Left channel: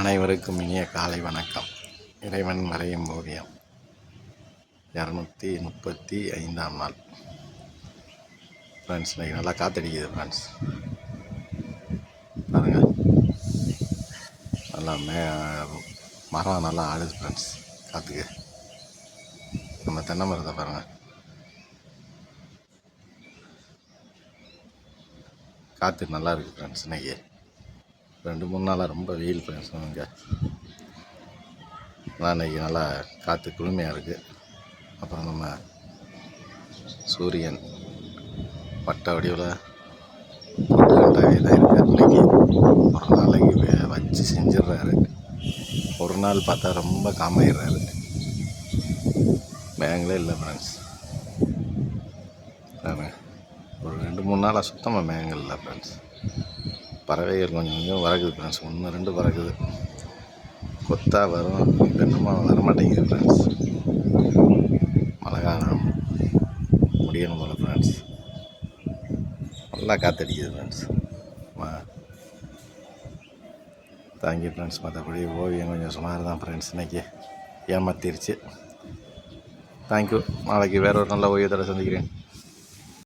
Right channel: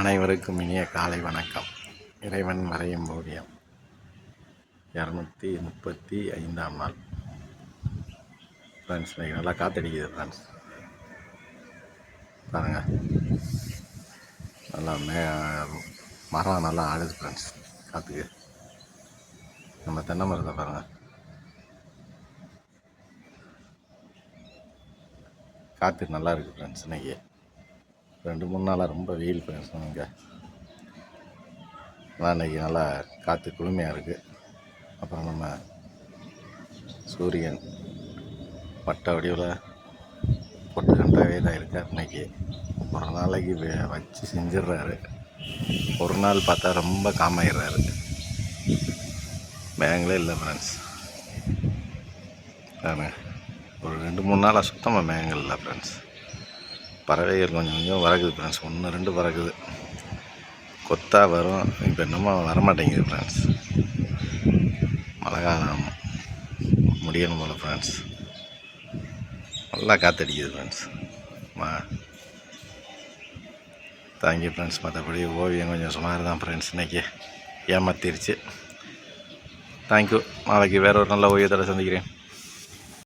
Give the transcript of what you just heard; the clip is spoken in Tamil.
அனைவருக்கும் இனிய காலை வணக்கம். இறைவன் வரையும் ஓவியம் 235ஆம் நாள். ஃப்ரெண்ட்ஸ், இன்றைக்கி நல்லா காற்றடிக்குது ஃப்ரெண்ட்ஸ். பாருங்கள், நல்லா மரம் நல்லா ஆடுது ஃப்ரெண்ட்ஸ் காற்றுக்கு. நம்ம தென்னை மரத்தை பாருங்கள், காற்று நல்லா இருக்குது ஃப்ரெண்ட்ஸ். இன்றைக்கி 2-3 நாளாக ரொம்ப வெயில் ஃப்ரெண்ட்ஸ். இங்கே ஆனால் இன்றைக்கி நல்லா காற்று குளுமையாக இருக்குது. அப்புறம் நம்ம சூரியன் வட்ட வடிவில் பொட்டுக்கண்டாவே தான் இருக்கார். இன்றைக்கி ஒரு நாளைக்கு வச்சு செஞ்சிடுறாரு. ஒரு நாள் பார்த்தா ரொம்ப காமாயிடுறாரு. மேகங்களே இல்லை ஃப்ரெண்ட்ஸ். ஒரு 2-3 நாளாக சுத்தமாக மேகங்கள் இல்லை ஃப்ரெண்ட்ஸ். பறவைகள் கொஞ்சம் கொஞ்சம் பறக்குது ஃப்ரெண்ட்ஸ். 1-2 பறக்குது, கொத்தா வரும். இப்போ என்னமோ வரமாட்டேங்குது ஃப்ரெண்ட்ஸ். மழை காலம் முடியணும் போல் ஃப்ரெண்ட்ஸ். நல்லா காற்றடிக்குது ஃப்ரெண்ட்ஸ். Thank you friends. மற்றபடி ஓவியம் கொஞ்சம் சுமார் தான் ஃப்ரெண்ட்ஸ். இன்றைக்கி ஏமாத்திருச்சு. தேங்க்யூ. நாளைக்கு வேறு ஒரு நல்ல ஓவியத்தோட சந்திக்கிறேன்.